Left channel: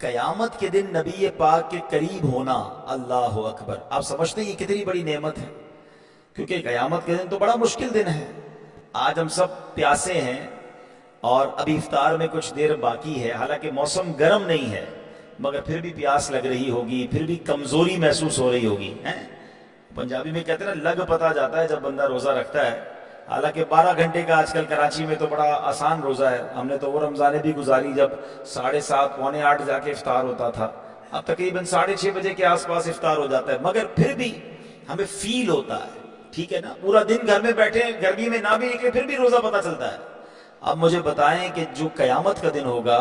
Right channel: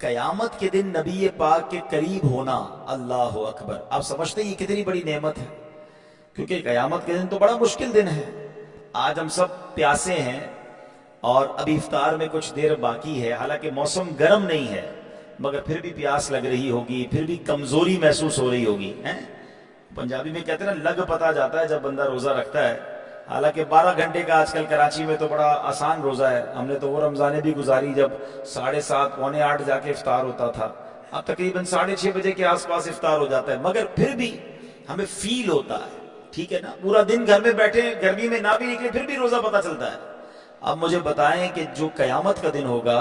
قیامت کے دن نبی پاک کے قریب ہونا، اللہ اکبر، آپ سمجھتے ہیں یہ کتنی بڑی نعمت ہے؟ کیونکہ قیامت کے دن تو بڑا مشکل دن ہے۔ آج ہم سب پیاسے ہیں اور ابھی افطار میں کچھ دیر باقی ہے، حالانکہ موسم گرم نہیں ہے، مگر پھر بھی پیاس لگ رہی ہوگی، پھر بھی کمزوری محسوس ہو رہی ہوگی۔ پنجابی میں کہتے ہیں نا، لگ پتہ جاتا ہے جب بندہ روزہ رکھتا ہے۔ حالانکہ 12 گھنٹے کا آج کل کراچی میں تو بڑا آسان روزہ ہے، ہم نے تو وہ رمضانیں بھی گزاری جب 7:30 پونے 8 جا کے افطار ہوتا تھا، اب تقریباً 6:30 بجے کے آس پاس افطار ہو جاتا ہے، مگر پھر بھی ہمیں فیل ہوتا ہے، ٹھیک ہے نا، پورا دن گھر میں بیٹھے گرمی میں نہ بھی نکلے پھر بھی روزہ پتہ چلتا ہے۔ اب مجھے بتائیں کہ جو قیامت کا دن ہوگا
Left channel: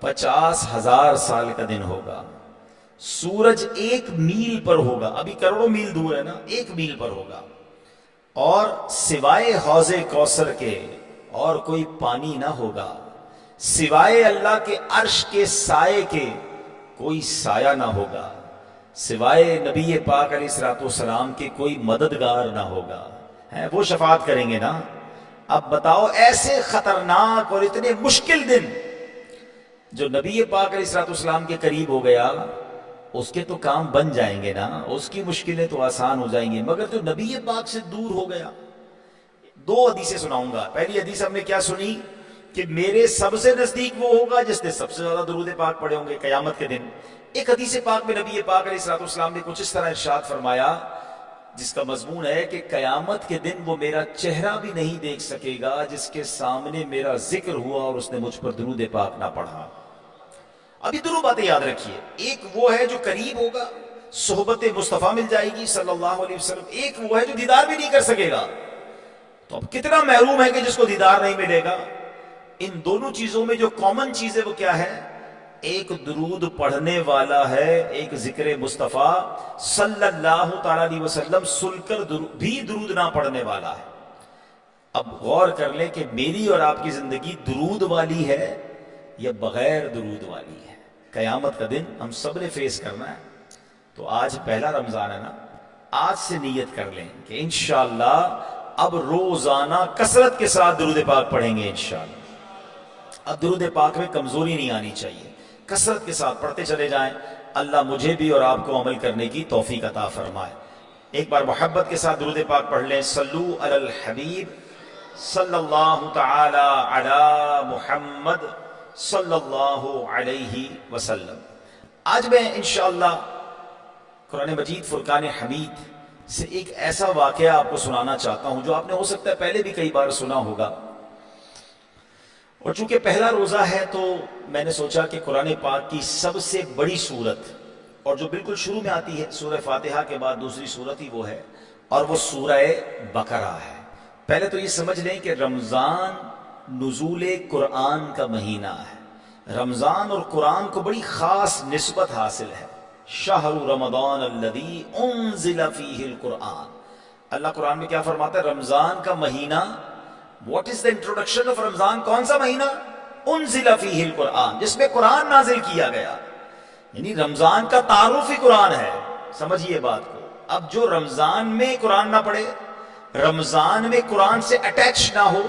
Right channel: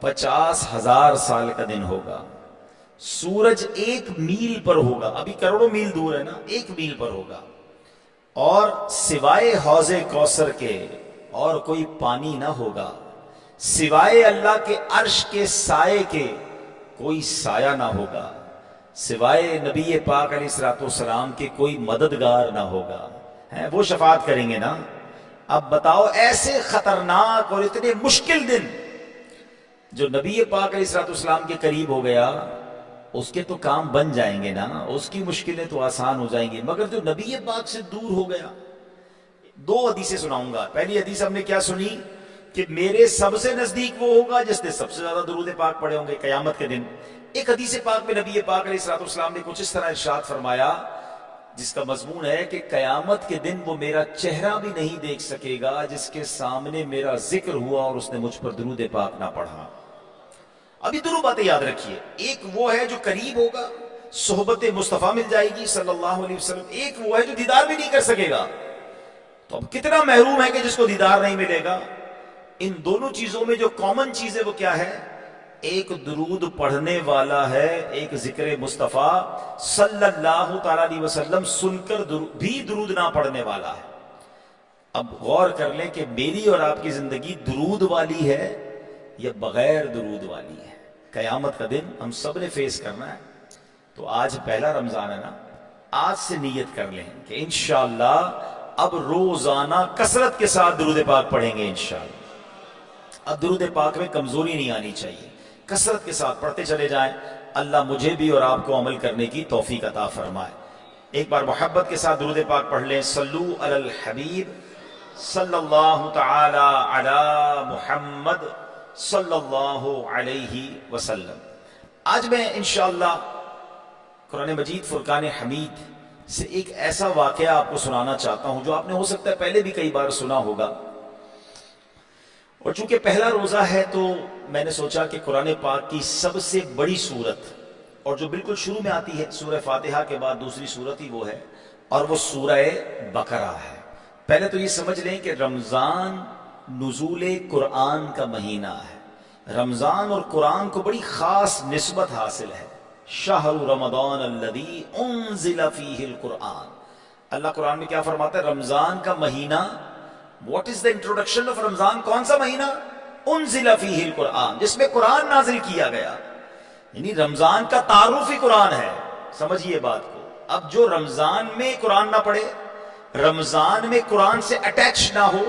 50,000 سال کا دن ہوگا، سورج 1 میل پر ہوگا، ابھی کروڑوں میل دور ہے نا، 1 میل پر ہوگا، اور سوائے حوض کوثر کے اور کوئی پانی نہ ہوگا، سوائے اللہ کے عرش کے سائے کے کوئی سایہ نہ ہوگا، سوائے نبی پاک علیہ الصلوۃ والسلام کے کوئی مددگار نہ ہوگا، وہ شفاعت کریں گے نا۔ اب بتاؤ، ایسے خطرناک اور اتنے مشکل دن، جو نبی پاک علیہ الصلوۃ والسلام کے قریب ہو گیا اس کے تو کام بن جائیں گے نا، اس کی مشکلیں تو آسان ہو جائیں گی، مگر جو نبی پاک سے دور ہو گیا۔ 2 حدیثیں سناؤں گا۔ پہلی حدیث ہم نے کیا سنی کہ میرے سب سے نزدیک وہ ہوگا جس نے سب سے زیادہ درود پاک پڑھے ہوں گے قیامت کے دن۔ ایک حدیث پاک میں نبی پاک علیہ الصلوۃ والسلام نے کچھ اس طرح ارشاد فرمایا، جس کا مضمون ہے کہ قیامت کے دن وہ میرا چہرہ بھی نہیں دیکھ سکے گا جس کے سامنے میرا ذکر ہوا اور اس نے مجھ پر درود پاک نہ پڑھا۔ ابھی دونوں باتیں یاد رکھیے، ایک وہ ہے جو قریب ہوگا، صحبت مصطفیٰ مل جائے گی صلی اللہ علیہ وسلم، ایک وہ ہے جو دیدار بھی نہیں کر سکے گا۔ تو اب کتنا محروم ہے کہ جس کو دیدار نہیں ملے گا۔ ان دونوں چیزوں میں جو کامن چیز ہے وہ کیا ہے؟ ایک درود پڑھنے والا ہے، ایک ذکر مصطفیٰ صلی اللہ تعالی علیہ وسلم سن کر بھی درود نہ پڑھنے والا ہے۔ اب غور کر لیں کہ میری اور آپ کی زندگی درود والی ہے یا بغیر درود والی ہے۔ قیامت کا دن ہم سب نے فیس کرنا ہے، تو آج پہلا رمضان ہے نا، آج سے نیت کر لیں کہ انشاءاللہ اب روزانہ کثرت کے ساتھ درود پاک پڑھیں گے انشاءاللہ۔ اب درود پاک میں کمزوری نہیں آنی چاہیے، کثرت کے ساتھ پڑھتے چلے جائیں۔ اللہ مجھے بھی اور آپ کو عمل کرنے کی توفیق عطا فرمائے۔ ایک بار محبت کے ساتھ درود پاک پڑھ لیں، صلو علی الحبیب صلی اللہ تعالی علی محمد صلی اللہ علیہ وسلم۔ آج میں انشاءاللہ قرآن مجید فرقان حمید سے ایک ایسا واقعہ آپ کو سنانا چاہتا ہوں جو آپ نے ہو سکتا ہے پہلے بھی کئی بار سنا ہوگا، اور چونکہ پہلا روزہ ہے تو میں نے سوچا کہ قرآن پاک کی سب سے بڑی سورت، اور جو بالکل شروع میں آتی ہے سورہ فاتحہ کے بعد دوسری سورت ہی وہ ہے، اور وہ سورہ بقرہ ہے۔ پہلے تو یہ سمجھ لیں کہ رمضان نزول قرآن کا مہینہ ہے، رمضان اور قرآن کو بڑی خاص نسبت حاصل ہے۔ شہر رمضان الذی انزل فیہ القرآن، اللہ قرآن میں کیا فرماتا ہے؟ رمضان کا مہینہ، what is the introduction of Ramzan? کون سا مہینہ؟ انزل فیہ القرآن، جس میں قرآن نازل کیا گیا، یعنی رمضان کا تعارف ہی قرآن ہے۔ سمجھیے بات کو۔ اب جو رمضان میں قرآن نہ پڑھے، رمضان میں قرآن سے اٹیچ نہ ہو،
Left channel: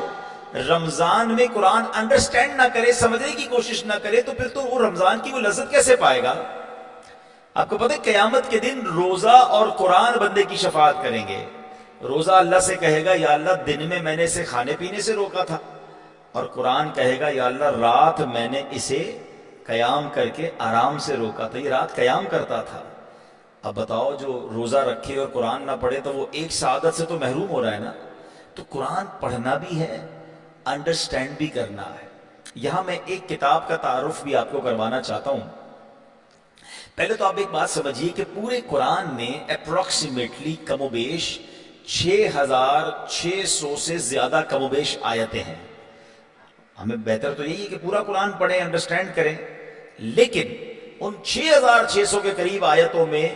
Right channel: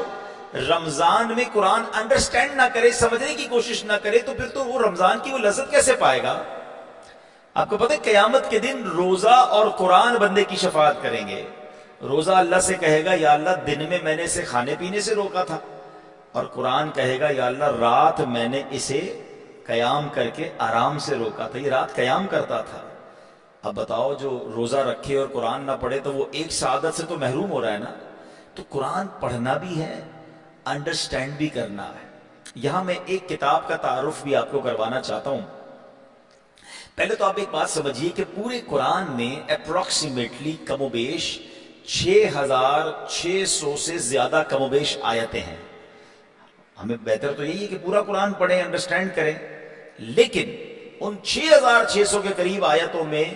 رمضان میں قرآن انڈرسٹینڈ نہ کرے، سمجھنے کی کوشش نہ کرے، تو پھر تو وہ رمضان کی وہ لذت کیسے پائے گا؟ آپ کو پتہ ہے قیامت کے دن روزہ اور قرآن بندے کی شفاعت کریں گے۔ روزہ اللہ سے کہے گا یا اللہ دن میں نے اسے کھانے پینے سے روکا تھا، اور قرآن کہے گا یا اللہ رات میں نے اسے قیام کر کے آرام سے روکا تھا، یہ رات قیام کرتا تھا۔ اب بتاؤ، جو روزہ رکھے اور قرآن نہ پڑھے تو وہ ایک سعادت سے تو محروم ہو رہا ہے نا۔ تو قرآن پڑھنا بھی ہے، انڈرسٹینڈ بھی کرنا ہے۔ یہاں میں ایک کتاب کا تعارف بھی آپ کو کروانا چاہتا ہوں۔ پہلے تو آپ ایک بات سمجھیے کہ پورے قرآن میں اپروکسیمیٹلی کم و بیش 6,600 سے زیادہ کم و بیش آیتیں ہیں۔ ہمیں بہتر تو یہی ہے کہ پورا قرآن پڑھیں، انڈرسٹینڈ کریں، لیکن ان 6,600 کے قریب آیتوں میں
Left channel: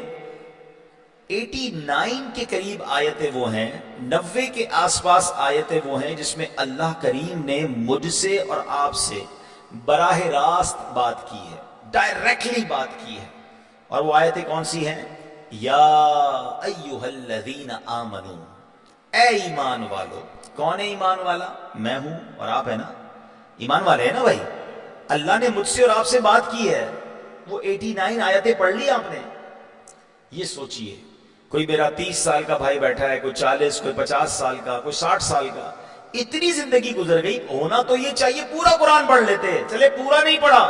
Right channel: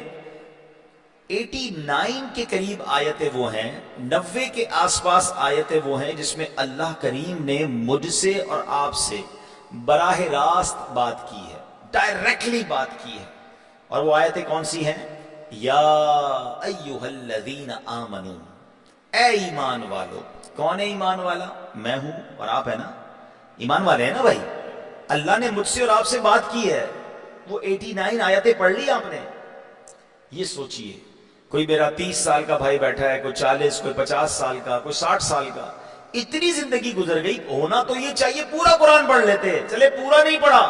89 کے قریب آیتیں وہ ہیں، 90 کے آس پاس آیتیں وہ ہیں جس میں اللہ کریم نے مجھ سے اور آپ سے براہ راست بات کی ہے، ڈائریکٹلی بات کی ہے۔ اور وہ آیتیں کون سی ہیں؟ یا ایہا الذین آمنو، اے ایمان والو۔ کون ہے ایمان والا؟ میں ہوں اور آپ ہے نا، ایمان والے ہیں نا بھائی۔ اللہ نے مجھ سے اور آپ سے بات کی ہے، وہ 89 آیتیں پڑھ لی آپ نے؟ یہ سوچئے، کوئی میرا 30 سال کا بھائی بیٹھا ہے، کوئی 40، کوئی 50 سال کا، کوئی 60 سال کا، اتنی زندگی گزر گئی، ہونا تو یہ چاہیے پورا قرآن پڑھ لیتے، چلے پورا نہیں پڑھا،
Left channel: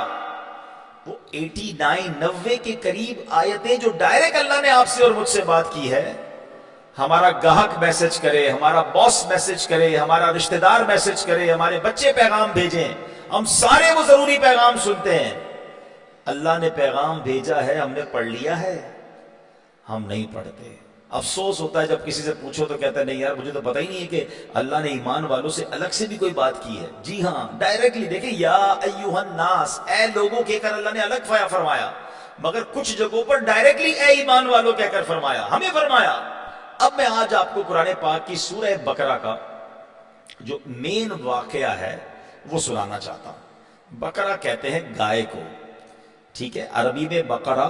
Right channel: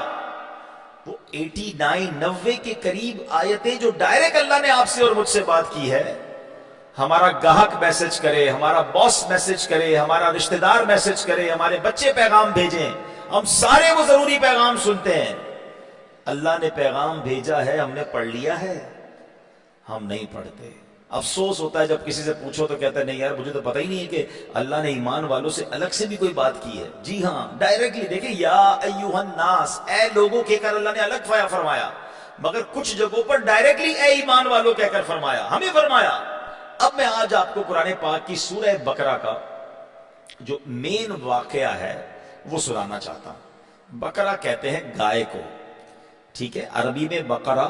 وہ 89 90 کے قریب آیتیں جو ڈائریکٹ اللہ نے آپ سے اور مجھ سے بات کی ہے. ہمارا گاہک میسج کرے، ہمارا باس میسج کرے، ہمارا رشتہ دار میسج کرے، ہمارے بچے پیغام بھیجیں، ہم سارے وہ ضروری پیغام سنتے ہیں. اللہ نے پیغام بھیجا ہے، ہم نے پڑھ لیا ہے؟ ہم نہیں پڑھتے. افسوس ہوتا ہے جب کسی سے پوچھو تو کہتا ہے نہیں یار مجھے تو پتہ ہی نہیں ہے کہ اللہ نے ایمان والوں سے الگ سے بھی کوئی بات کی ہے. جی ہاں، ڈائریکٹلی دیکھیں، یا ایھا الناس، اے لوگوں کہہ کر اللہ نے الگ فرمایا، مگر کچھ جگہوں پر ڈائریکٹلی اے ایمان والوں کہہ کر فرمایا، ہمیں فرمایا. اب میں آج آپ کو قرآن پاک کی سورہ بقرہ کا جو مین واقعہ ہے وہ سنانا چاہتا ہوں. بقرہ کہتے ہیں گائے کو، ٹھیک ہے؟ عربی میں بقرہ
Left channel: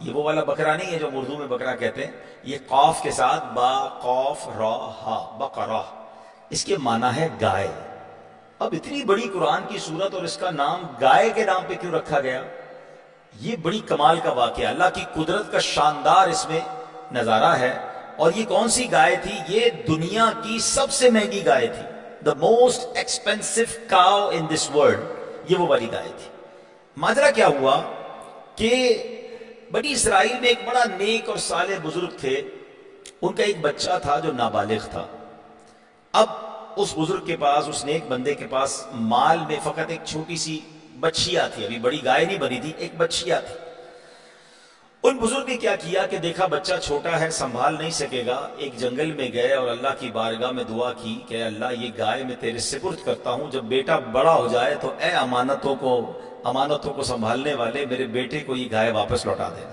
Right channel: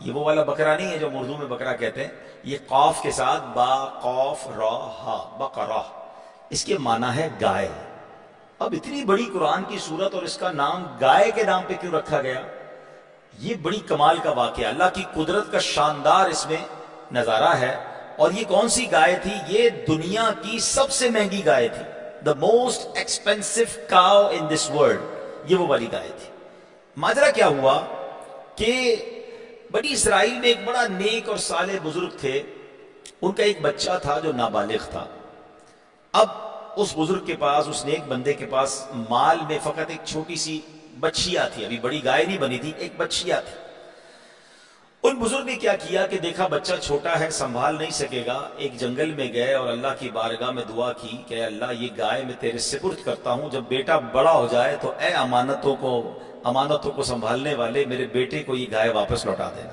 یہ وہ والا بکرا نہیں ہے جو اردو میں بکرا کہتے ہیں، یہ قاف کے ساتھ با قاف را ہا، بقرہ، اس کے معنی ہے گائے. اب اتنی بڑی قرآن کی سورت اور اس کا نام گائے کے نام پہ کیوں رکھا گیا؟ یہ بڑی کمال کا واقعہ، اللہ کی قدرت کا شاندار اس میں نظارہ ہے. اور یہ کون سی گائے تھی؟ یہ دنیا کی سب سے مہنگی گائے تھی، the most expensive cow in this world, یہ وہ والی گائے تھی. ماجرا کیا ہوا کہ بنی اسرائیل میں ایک بڑا نیک اور صالح بزرگ تھے، ان کا ایک بچہ تھا جو نابالغ تھا. اب اس بزرگ کے پاس، اس نیک بندے کے پاس مال میں فقط ایک چھوٹی سی بچھیا تھی، ابھی بڑی گائے نہیں بنی تھی، ایک بچھیا تھی. ان بزرگ نے کیا کیا کہ دیکھا بچہ چھوٹا ہے، سنبھال نہیں سکے گا، ایک جنگل میں گئے اور اللہ کی بارگاہ میں دعا کی کہ اللہ یہ گائے میں تیرے سپرد کرتا ہوں، جب بیٹا بڑا ہو جائے تو اے امانتوں کو سنبھالنے والے میرے بیٹے کو یہ گائے واپس لوٹا دینا.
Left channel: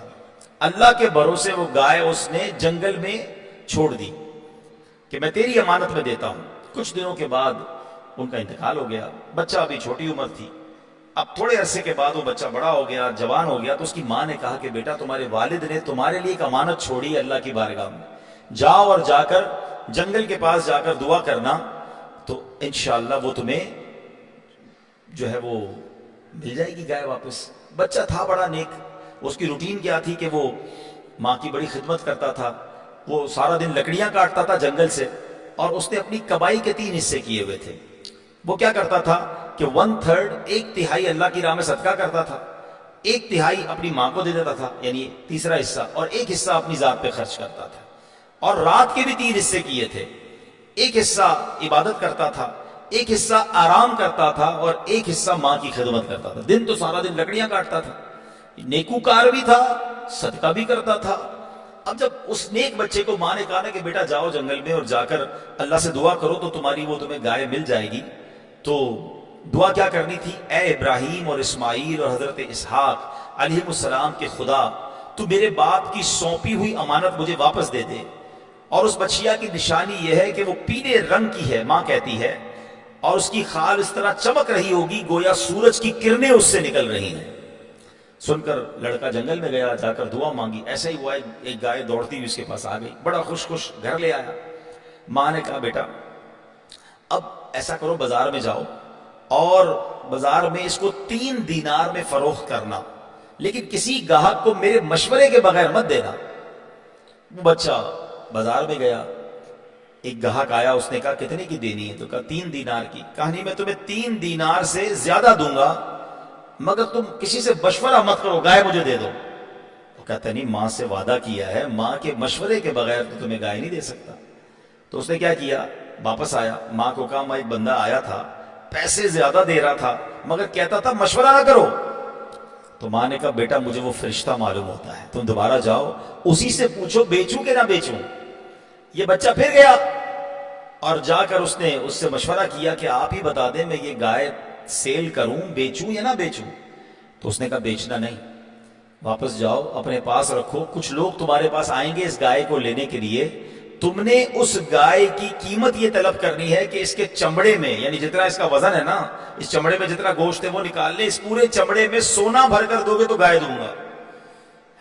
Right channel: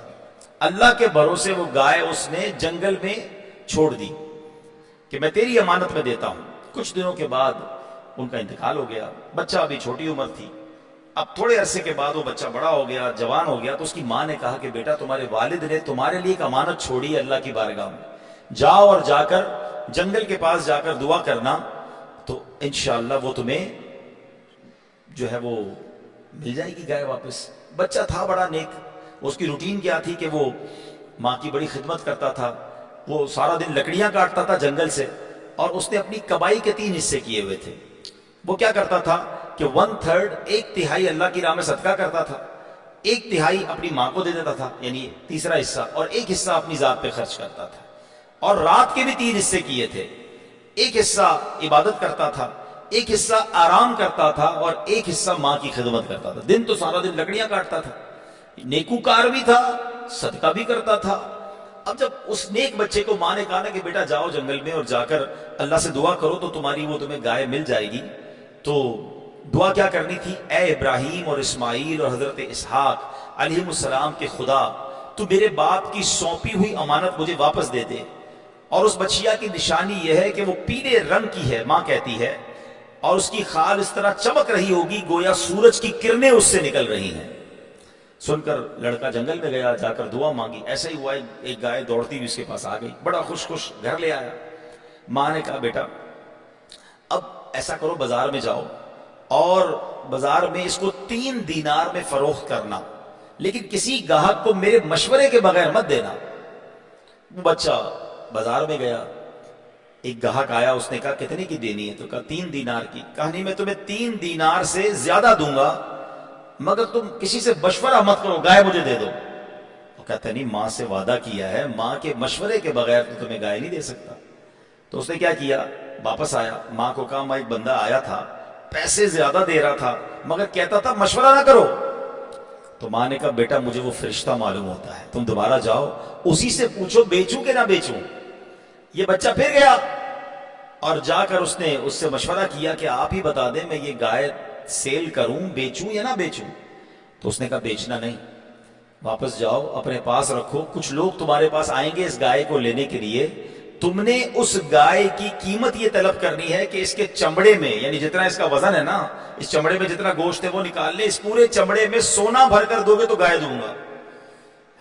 اللہ کے بھروسے وہ گائے اس نے جنگل میں چھوڑ دی کہ میں تیری امانت میں دیتا ہوں. کچھ دنوں کے بعد ان کا انتقال ہو گیا. بچہ ابھی چھوٹی عمر تھی. اب تھوڑے عرصے کے بعد وہ بچہ بڑا ہو گیا، جوان ہو گیا، تو اس کی ماں نے کہا کہ بیٹا تمہارے والد نے تمہارے لیے ایک امانت چھوڑی اللہ کی بارگاہ میں، جاؤ اور جا کر جنگل کے پاس جا کر دعا کرنا تو انشاءاللہ وہ تمہیں جو ہے وہ مل جائے گی گائے واپس. بچہ تھا بڑا نیک. اس کی روٹین کیا تھی کہ وہ ماں کی بڑی خدمت کرتا تھا، وہ سارا دن لکڑیاں کاٹتا تھا جنگل سے، اور اس نے اپنی کمائی کے 3 حصے کیے ہوئے تھے. وہ کیا کرتا تھا کہ 1/3 ایک تہائی اللہ کی راہ میں صدقہ کرتا تھا، 1/3 اپنی ماں کو دے دیتا تھا، یعنی تیسرا حصہ، اور 1 حصہ اپنی ذات پہ خرچ کرتا تھا. اور رات کے بھی 3 حصے کیے تھے، 1 حصہ عبادت کرتا تھا، 1 حصہ آرام کرتا تھا، اور 1 حصہ ماں کی خدمت کرتا تھا. دن تو سارا دن لکڑیاں کاٹتا تھا، نیکوکار بھی تھا، صدقہ بھی کرتا تھا. اب جب اس نیک بچے کو ماں نے کہا نا کہ بیٹا جاؤ جنگل میں اور جا کر اللہ سے دعا کرو تو تمہیں گائے مل جائے گی، تو دعا کیا کرنی تھی؟ اے ابراہیم اور اسماعیل اور حضرت اسحاق علیہ السلام کے خدا، تو میرے باپ کی سونپی ہوئی امانت مجھے واپس دے دے. اور اس بچیا کی نشانی یہ ہے کہ وہ پیلے رنگ کی ہے، ماں کہتی ہے، اور اس کی خال اس طرح چمک رہی ہوگی گویا سورج کی کرنیں اس سے نکل رہی ہیں. سن کر لڑکا جنگل میں گیا، جا کر دعا مانگی. ایسا ہی ہوا، ایک گائے دوڑتی ہوئی اس کے پاس آ گئی، بڑا خوش گھر لے آیا. ماں نے کہا بیٹا اب ایسا کرو، بازار میں جاؤ اور بازار میں اس کو 3 دینار میں فروخت کرنا، لیکن کسی گاہک کو میرے مشورے کے بغیر مت دینا. وہ بچہ بازار میں گیا، ایک گاہک آیا، اس نے کہا کتنے کی دینی ہے؟ تو کہا 3 دینار کی. کہا نہیں، میں تمہیں 3 دینار سے زیادہ دوں گا مگر تم کسی سے مشورہ مت کرو، گائے مجھے دے دو. تو کہتا نہیں، ماں سے وعدہ کیا ہے، ماں کے مشورے کے بغیر تو تمہیں گائے نہیں دے سکتا. تو اس نے کیا کیا، واپس آیا، ماں کو کہا میں ایک بندہ آیا تھا، پیسے زیادہ دے رہا تھا مگر کہتا تھا مشورہ نہ کرو. تو ماں نے کہا بیٹا مجھے وہ فرشتہ معلوم ہوتا ہے، تم دوبارہ جاؤ اسی سے پوچھو بیچوں کہ نہ بیچوں. یہ بچہ پھر گیا اور جا کر اس نے اس سے مشورہ کیا کہ آپ ہی بتا دیں میں یہ گائے سیل کروں، بیچوں یا نہ بیچوں. تو اس نے کہا بیچنا نہیں، واپس جاؤ اپنے پاس رکھو، کچھ لوگ تمہارے پاس آئیں گے اس گائے کو لینے کے لیے، تم نے اس گائے کی قیمت یہ طلب کرنی ہے کہ اس کے چمڑے میں، یعنی جتنا اس کا وزن ہے نا، اس چمڑے میں جتنا گوشت ہے وہ نکال لے، اس پورے چمڑے میں سونا بھر کر دو گے تو گائے دوں گا.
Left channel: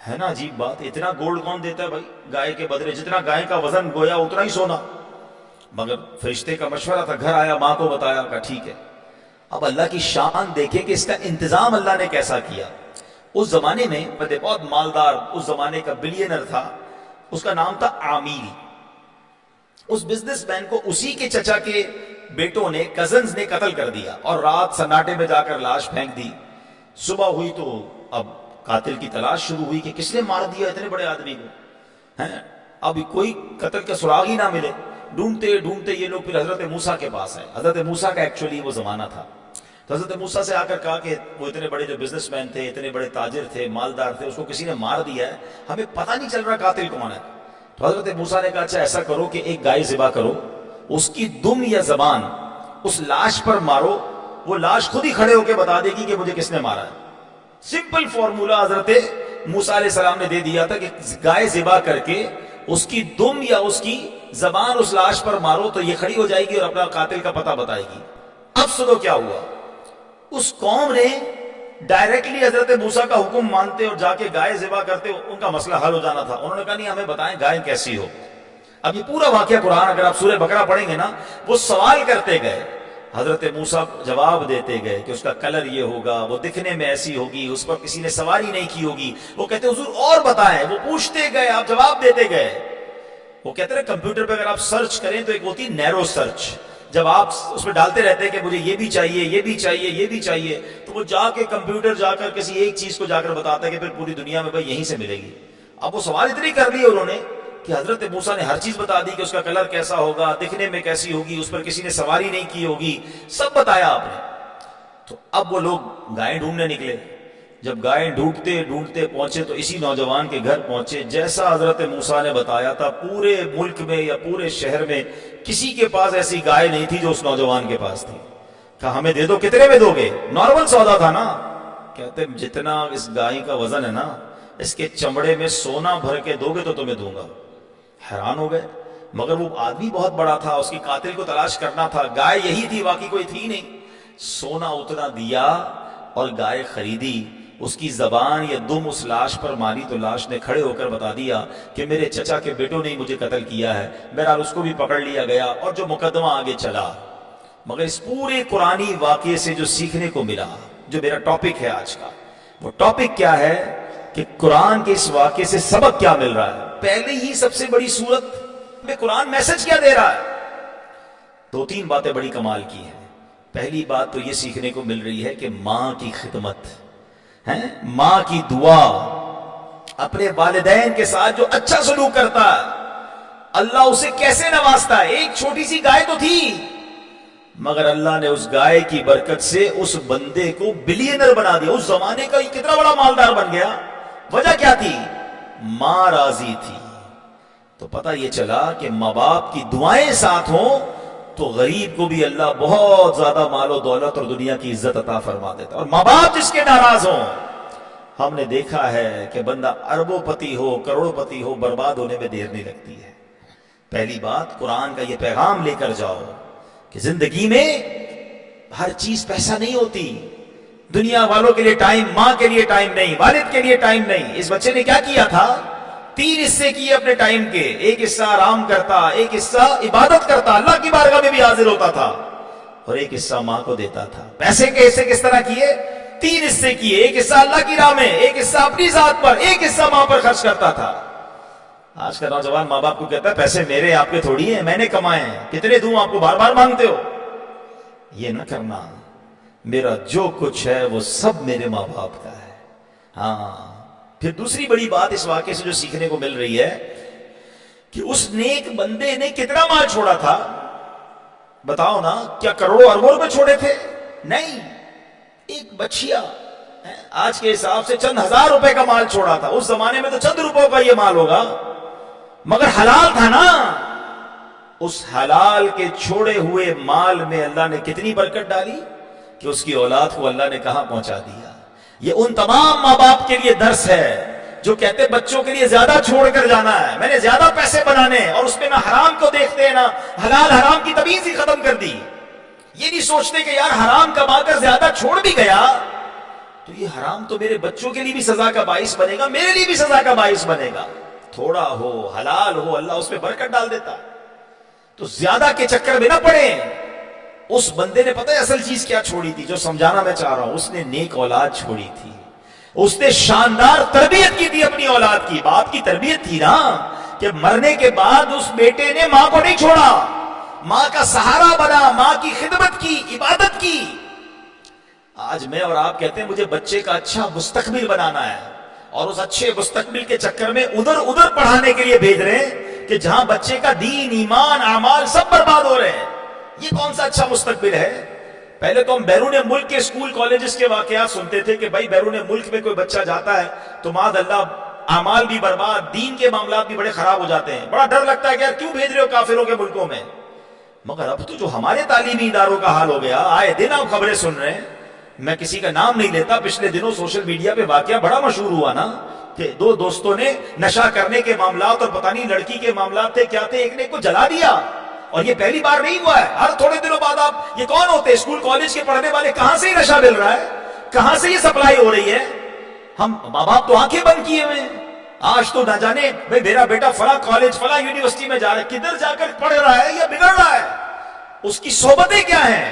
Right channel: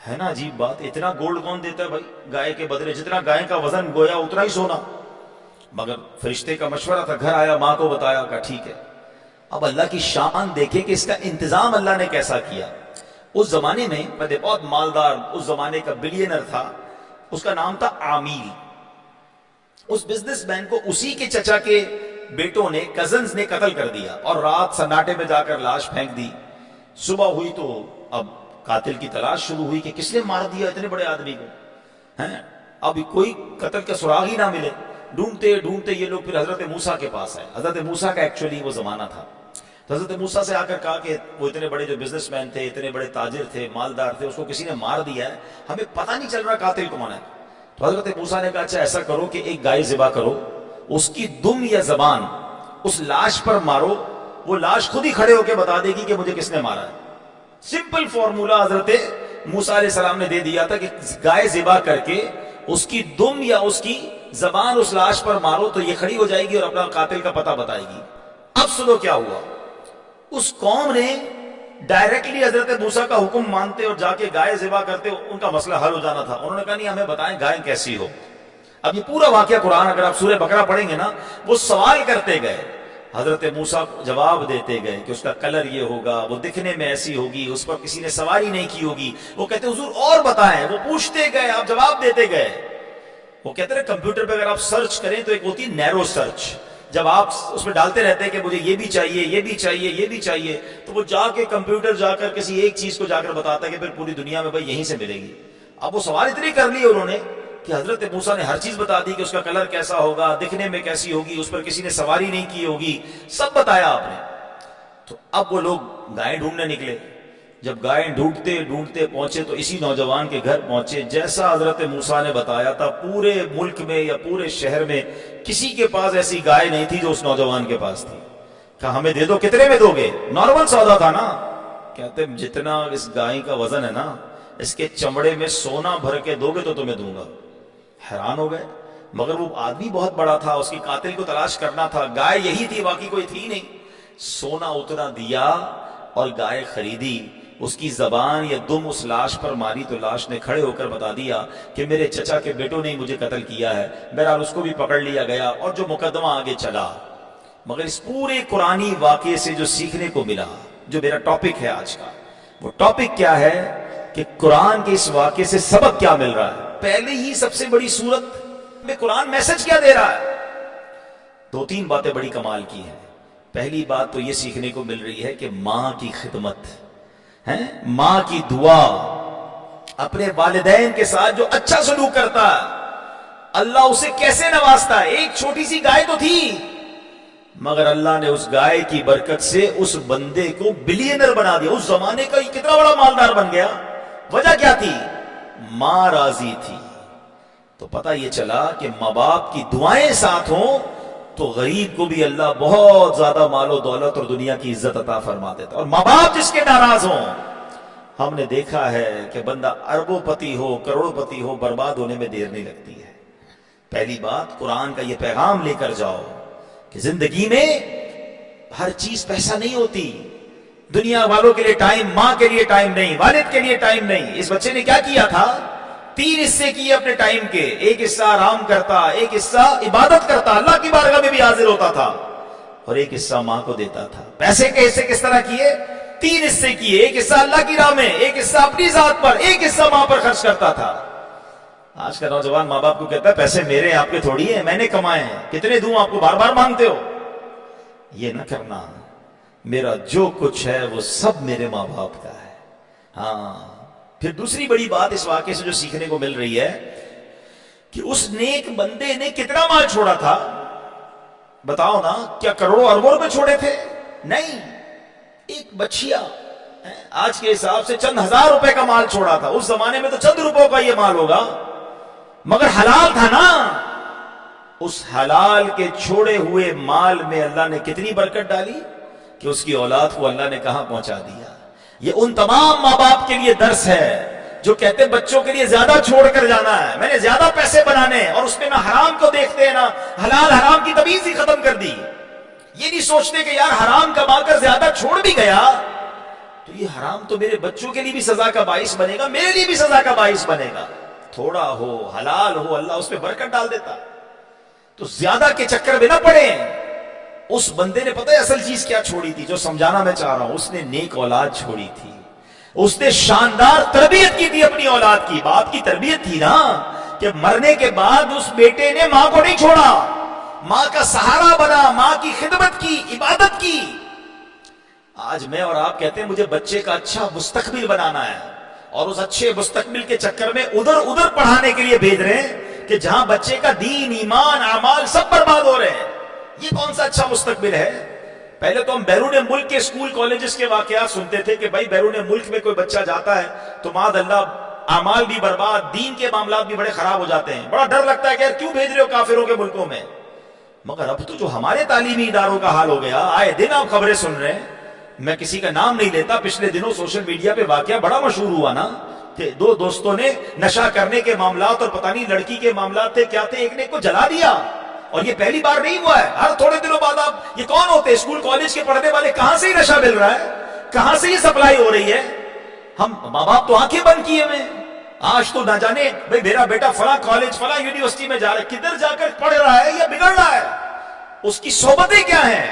ہے نا عجیب بات، اتنا گولڈ کون دیتا ہے بھائی گائے کے بدلے؟ جتنا گائے کا وزن گویا اتنا ہی سونا. مگر فرشتے کا مشورہ تھا، گھر آیا، ماں کو بتایا، کہا ٹھیک ہے. اب اللہ کی شان دیکھیں کہ اس کا انتظام اللہ نے کیسا کیا. اس زمانے میں بندے بہت مالدار، اس زمانے کا بلینر تھا، اس کا نام تھا عامیل۔ اس بزنس مین کو اسی کے چچا کے بیٹوں نے، کزنز نے قتل کر دیا اور رات سناٹے میں جا کر لاش پھینک دی۔ صبح ہوئی تو اب قاتل کی تلاش شروع ہوئی کہ کس نے مار دیا اتنے بڑے آدمی کو، ہیں؟ اب کوئی قتل کا سراغ ہی نہ ملے۔ ڈھونڈتے ڈھونڈتے یہ لوگ پھر حضرت موسیٰ کے پاس آئے۔ حضرت موسیٰ کا ایکچولی وہ زمانہ تھا، تو حضرت موسیٰ سے آ کر کہا کہ وہ اتنے بڑے جو بزنس مین تھے، اتنے بڑے تاجر تھے، مالدار تھے، اس کو کسی نے مار دیا ہے، ہمیں پتہ نہیں چل رہا قاتل کون ہے۔ تو حضرت موسیٰ نے کہا اچھا ایسا کرو کہ ایک گائے ذبح کرو، اس کی دم یا زبان اس لاش پر مارو، وہ لاش خود ہی کھڑے ہو کے بتا دے گی کہ مجھے کس نے مارا ہے۔ سمپل فارمولا حضرت موسیٰ علیہ السلام نے دے دیا تھا کہ گائے ذبح کر کے اس کی دم یا اس کی زبان اس لاش پر مارو تو یہ کھڑی ہو جائے گی اور اپنا قاتل کا پتہ بتائے گی۔ اب سنو کیا ہوا، اس قوم نے ڈائریکٹلی حضرت موسیٰ کا حکم مانتے اور جا کے گائے ذبح کرتے، ان کا مسئلہ حل ہو جانا تھا۔ انہوں نے کہا نہیں ہمیں بتائیں گائے کیسی ہو۔ اب یہ پورا واقعہ قرآن اگر آپ سورہ بقرہ پڑھیں گے نا، وہ سوال کرتے گئے، حضرت موسیٰ جواب دیتے گئے کہ اس کا کلر یہ ہوگا، وہ دکھنے میں ایسی ہوگی، اس پر کسی نے سواری نہیں کی ہوگی۔ وہ کہتے حضور اور بتائیں، وہ پوچھتے گئے، آپ جواب دیتے گئے۔ وہ کہتے ہیں کمپیوٹر پہ اگر آپ سرچ کریں تو ایک ہوتی نیرو سرچ، جب آپ اس میں ڈالتے رہتے ہیں کہ مجھے یہ بھی چاہیے، یہ بھی چاہیے، یہ بھی چاہیے، تو وہ جا کے کمپیوٹر جا کر کسی ایک چیز کو جا کر بتاتا ہے کہ پھر پوری دنیا میں بھائی یہیں سے ملے گی۔ اب وہ سوال اتنے کر لیے انہوں نے کہ حضرت موسیٰ نے ہر چیز بتا دی کہ اس کا کلر کیسا ہوگا، دکھنے میں کیسی ہوگی، اس پر کسی نے سواری نہیں کی ہوگی، سب بتایا آپ نے۔ تو اب وہ لوگ گائے ڈھونڈنے نکلے۔ جب گائے ڈھونڈتے ڈھونڈتے پہنچے تو اسی نوجوان کے گھر پہنچے، جیسا حضرت موسیٰ نے بتایا تھا پورے ملک میں یا پورے شہر میں کسی کے پاس ایسی گائے نہیں تھی جو اس نوجوان کے پاس تھی۔ کہا ہمیں دے دو، کتنے میں دو گے؟ نارمل سودا تھا نا۔ کہتے جتنا اس گائے کا وزن ہے نا، اس کے چمڑے میں سونا بھر کے دو گے تو تمہیں دوں گا۔ حیران ہو گئے، مگر وہ آدمی بہت بڑا تھا، اس کی قاتل کو تلاش کرنا تھا، گائے یہی تھی، باقی کوئی تھی نہیں۔ سونا اتنا دیا اور گائے خریدی، اس کی زبان یا دم اس لاش پر ماری تو لاش نے کھڑے ہو کر بتا دیا کہ میرے چچا کے بیٹوں نے ہی مجھے قتل کیا ہے۔ بہرحال اس کو بھی پکڑ لیا گیا اور جو مقدمہ آگے چلا۔ مگر اس پورے قرآنی واقعے سے جو سیکھنے کو ملا، جو میرا ٹاپک ہے آج کا، وہ ٹاپک کیا ہے کہ قرآن کے اس واقعے سے سبق کیا مل رہا ہے۔ پہلے ہی سب سے بڑی صورت میں قرآن میسج کیا دے رہا ہے؟ دو تین باتیں بڑی کمال کی ہیں۔ پہلی بات تو یہ سیکھنے کو مل رہی ہے کہ ماں کی خدمت ہے، ماں کی دعا، اپنے والدین کے ساتھ جو اچھا سلوک کرتا ہے اللہ اسے کیسے نوازتا ہے۔ ایک چھوٹی سی گائے تو تھی، مگر اللہ نے اس گائے کی برکت سے اس بندے کو بلینر بنا دیا۔ اس زمانے کا کتنا بڑا مالدار بن گیا۔ وجہ کیا تھی؟ ماں راضی تھی۔ تو پتہ یہ چلا کہ ماں باپ کی دعائیں ساتھ ہوں تو غریب کو بھی اللہ بہت زیادہ مال و دولت اور دنیا کی عزت عطا فرما دیتا، اور ماں باپ جس کے ناراض ہوں، ہم نے دیکھا ہے کہ بندہ اربوں پتی ہو، کروڑوں پتی ہو، برباد ہونے میں دیر نہیں لگتی ہے۔ پہلی بات قرآن کا یہ پیغام لے کر جاؤ کہ زندگی میں ہر چیز پیسہ نہیں ہوتی۔ دنیا والوں کے لیے ٹائم، ماں کے لیے ٹائم نہیں، والد کے لیے ٹائم نہیں۔ اس بچے نے کیا کیا تھا؟ 3 حصے کیے اپنے ٹائم کے، ایک حصہ آرام کرتا، ایک حصہ عبادت کرتا، اللہ کی بارگاہ میں بھی حاضر ہوتا تھا، اور ایک حصہ ماں کو دیتا تھا۔ پیسے کے حصے کس طرح کیے؟ 3 حصے کیے، ایک حصہ اللہ کی راہ میں، ایک حصہ اپنی ذات پر، ایک حصہ ماں پر خرچ کرتا تھا۔ آج کا نوجوان ماں باپ کو کہتا ہے پیسے میرے، آپ کے تھوڑی ہیں، میں نے کمائے ہیں، کتنے دوں آپ کو، بار بار مانگتے ہو۔ یہ نہ کرنا، میرا جو کچھ ہے وہ سب میرے ماں باپ کا ہے۔ ہاں، پھر دوسری بڑی بات اس واقعے سے جو سیکھنے کو مل رہی ہے کہ اس نیک بندے نے کتنا مال چھوڑا تھا؟ بتاؤ نا، کیا کروڑوں اربوں روپے چھوڑے تھے؟ نہیں، ایک بچیا آج کے حساب سے چند ہزار روپے کا مال چھوڑا تھا۔ اس زمانے میں تو چند روپوں کا یہ مال ہوگا، مگر حلال تھا نا۔ اس حلال کے چھوڑے ہوئے مال میں اللہ نے کتنی برکت ڈالی کہ اس کی اولاد کو اللہ نے کہاں پہنچا دیا۔ یہ ان تمام ماں باپ کے لیے درس ہے جو کہتے بچوں کے لیے زیادہ چھوڑ کر جانا ہے، میں نے زیادہ پیسے بنانے، اور اس میں نہ حرام کو دیکھتے ہیں، نہ حلال حرام کی تمیز ہی ختم کر دی۔ یہ نہیں سوچتے کہ یار حرام کما کر زیادہ چھوڑ بھی گیا تو یہ حرام تو میرے بچوں کے لیے بھی سزا کا باعث بنے گا، میرے لیے بھی سزا کا باعث بنے گا۔ تھوڑا ہو، حلال ہو، اللہ اس میں برکت ڈال دیتا۔ تو زیادہ کے چکر میں نہ پڑیں۔ اس بندے نے پتہ ہے اصل چیز کیا چھوڑی تھی؟ جو سمجھانا میں چاہ رہا ہوں، اس نے نیک اولاد چھوڑی تھی۔ اس نے شاندار تربیت کی تھی اپنی اولاد کی. باپ کی تربیت تھی نا کہ مرنے کے بعد اس بیٹے نے ماں کو نہیں چھوڑا, ماں کا سہارا بنا, ماں کی خدمت کی, عبادت کی. آج میں اور آپ کہتے ہیں مجھے بچے کا اچھا مستقبل بنانا ہے, اور اس اچھے مستقبل کے چکر میں ادھر پڑھانے کے لیے بھیج رہے ہیں کہ جہاں بچے کا دین, ایمان, اعمال سب برباد ہو رہے ہیں. یہ کون سا اچھا مستقبل ہے؟ پہلے تو ہم بیرون ملک کے اسکول کالجز کے واقعات سنتے تھے کہ بھائی بیرون ملک میں کوئی بچہ جاتا ہے تو معاذ اللہ اعمال بھی برباد, دین کے معاملات بھی بڑے خراب ہو جاتے ہیں. بڑا ڈر لگتا ہے کہ یار کیوں بھیج رہے ہو کافروں کے ملکوں میں. مگر اب تو جو ہمارے تعلیمی اداروں کا حال ہو گیا, آئے دن آپ خبریں سن رہے ہیں. میں کسی کا نام نہیں لیتا, پچھلے دنوں سوشل میڈیا پہ واقعہ بڑا مشہور ہوا نا کہ دو دوستوں نے نشہ کرنے کے معاملات اور پتہ نہیں لڑکی کے معاملات تھے کیا تھے, ایک نے ایک کو جلا دیا. اور یہ پہلی بار نہیں ہوا ہے, ہر تھوڑے دنوں بعد آپ یہ کون ہوتے ہیں اسکول کالج کے پڑھنے والے, کہاں سے یہ نشہ مل رہا ہے, کہاں سے یہ سپلائی ہو رہی ہے. ہم ماں باپ تو آنکھیں بند کیے ہوئے. آج تو نہ جانے بھائی میرا بیٹا فلاں کالج فلاں یونیورسٹی میں جا رہا ہے, کدھر جا کر پڑھ رہا ہے یا بگڑ رہا ہے, اس کی صحبتیں کیا ہیں.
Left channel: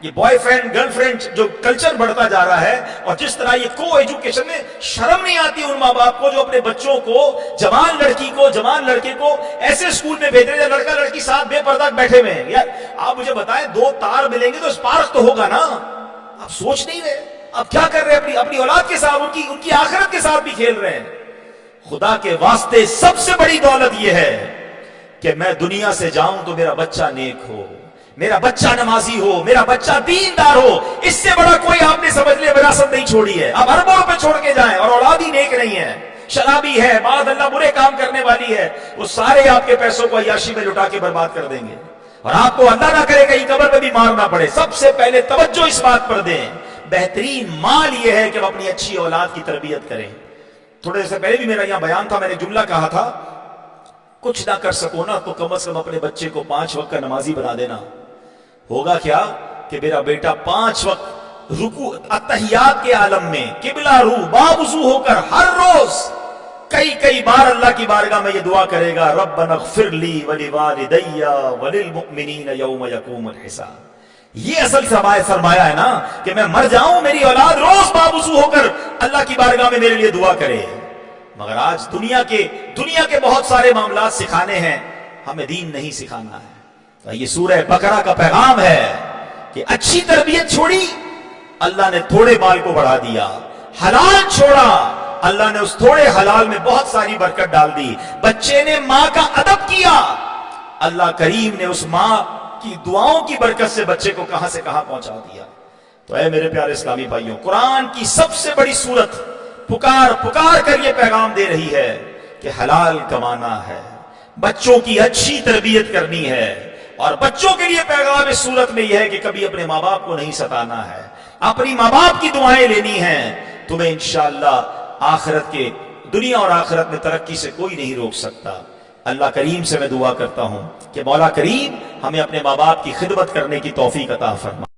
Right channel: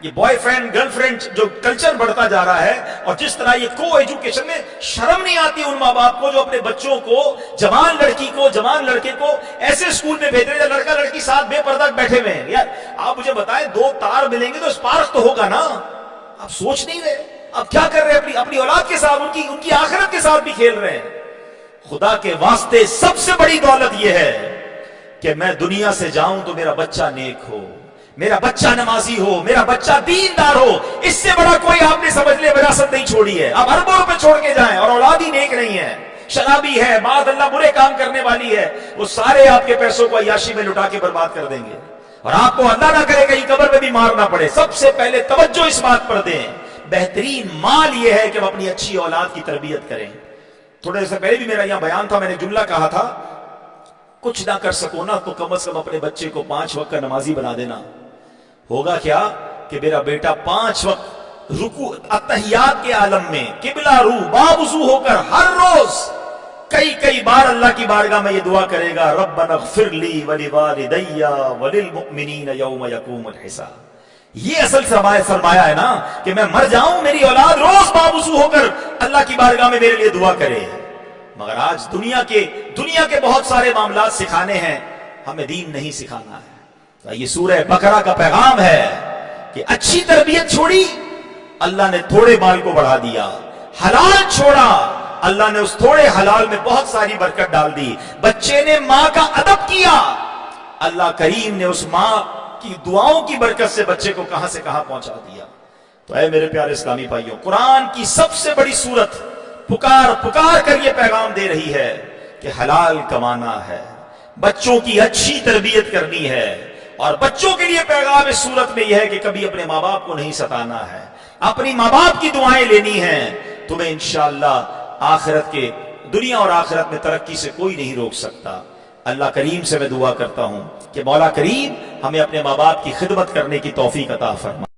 یہ بوائے فرینڈ گرل فرینڈ جو کلچر بڑھتا جا رہا ہے, اور جس طرح یہ کو ایجوکیشن میں شرم نہیں آتی ان ماں باپ کو جو اپنے بچوں کو, جوان لڑکی کو جوان لڑکے کو ایسے اسکول میں بھیج رہے ہیں لڑکا لڑکی ساتھ بے پردہ بیٹھے ہوئے ہیں. یار آپ مجھے بتائیں, دو تار ملیں گے تو اسپارک تو ہوگا نا. آپ سوچ نہیں رہے آپ کیا کر رہے ہیں اپنی اولاد کے ساتھ, ان کی آخرت کے ساتھ بھی کھیل رہے ہیں. خدا کے واسطے سب سے بڑی دولت یہ ہے کہ میں دنیا سے جاؤں تو میرا بچہ نیک ہو, میرا بچہ نمازی ہو, میرا بچہ دیندار ہو. اس سے بڑا کوئی آپ نے سمجھ لیا وراثت نہیں چھوڑی ہے. آپ اربوں روپے چھوڑ کے جائیں اور اولاد ہی نیک نہیں ہے, شرابی ہے, معاذ اللہ برے کام کرنے والی ہے, وہ سارے آپ کے پیسوں کو عیاشی میں لٹا کے برباد کر دیں گے. اور آپ کو اللہ نہ کرے کہیں قبر میں بھی مارنا پڑے. سب سے پہلے توجہ اس بات پر دیں, بہترین مال یہ ہے کہ ہم اپنی اچھی اولاد کی تربیت کریں. تھوڑے دیر سے پہلے بھی میرا یہاں بیان تھا, میں نے جملہ کہا تھا کچھ نہ کر سکو نا تو کم از کم اپنے بچے کو 5 وقت کا نمازی بنا دینا. ہوگا کیا کہ میرا بیٹا 5 وقت رکوع اتحیات کے عالم میں قبلہ رو باوضو ہو کر ہر روز کئی بار اللہ کی بارگاہ میں یہ دعا کرے گا, ربنا اغفر لی ولوالدی وللمؤمنین یوم یقوم الحساب. یہ اصل سرمایہ ہے نا کہ میں مر جاؤں میری اولاد روز باوضو ہو کر اللہ کی بارگاہ میں میرے لیے دعا کرے. مگر آج دنیا کے بہت سارے معاملات سکھانے ہیں, ہمیں دین نہیں سکھانا ہے. تو یہ سورہ بقرہ کا پیغام ہے کہ اچھی تربیت چھوڑی, اللہ نے تھوڑے مال کو بڑھا دیا. حلال چھوڑا, اللہ نے اس تھوڑے حلال میں بہت ساری برکت ڈال دی. بچے نے ماں کا ادب کیا, اللہ کریم نے اس ماں کی دعاؤں کی برکت سے بچے کو کہاں سے کہاں پہنچا دیا. تو اے میرے پیارے اسلامی بھائیوں, قرآن کی سب سے بڑی سورت پکار کر یہ پیغام دے رہی ہے کہ حلال کمانا ہے, بچوں کی اچھی تربیت کرنی ہے. اور بچوں کے لیے پیغام اس صورت میں یہ ہے کہ کبھی اپنے ماں باپ کو نہیں ستانا ہے, اپنی ماں باپ کی دعائیں لینی ہیں. تمہیں انشاءاللہ آخرت کے دنیا اور آخرت میں ترقی سے کوئی نہیں روک سکتا. اللہ کریم سے میں دعا کرتا ہوں کہ مولا کریم ہمیں اپنے ماں باپ کی خدمت کرنے کی توفیق عطا فرمائے.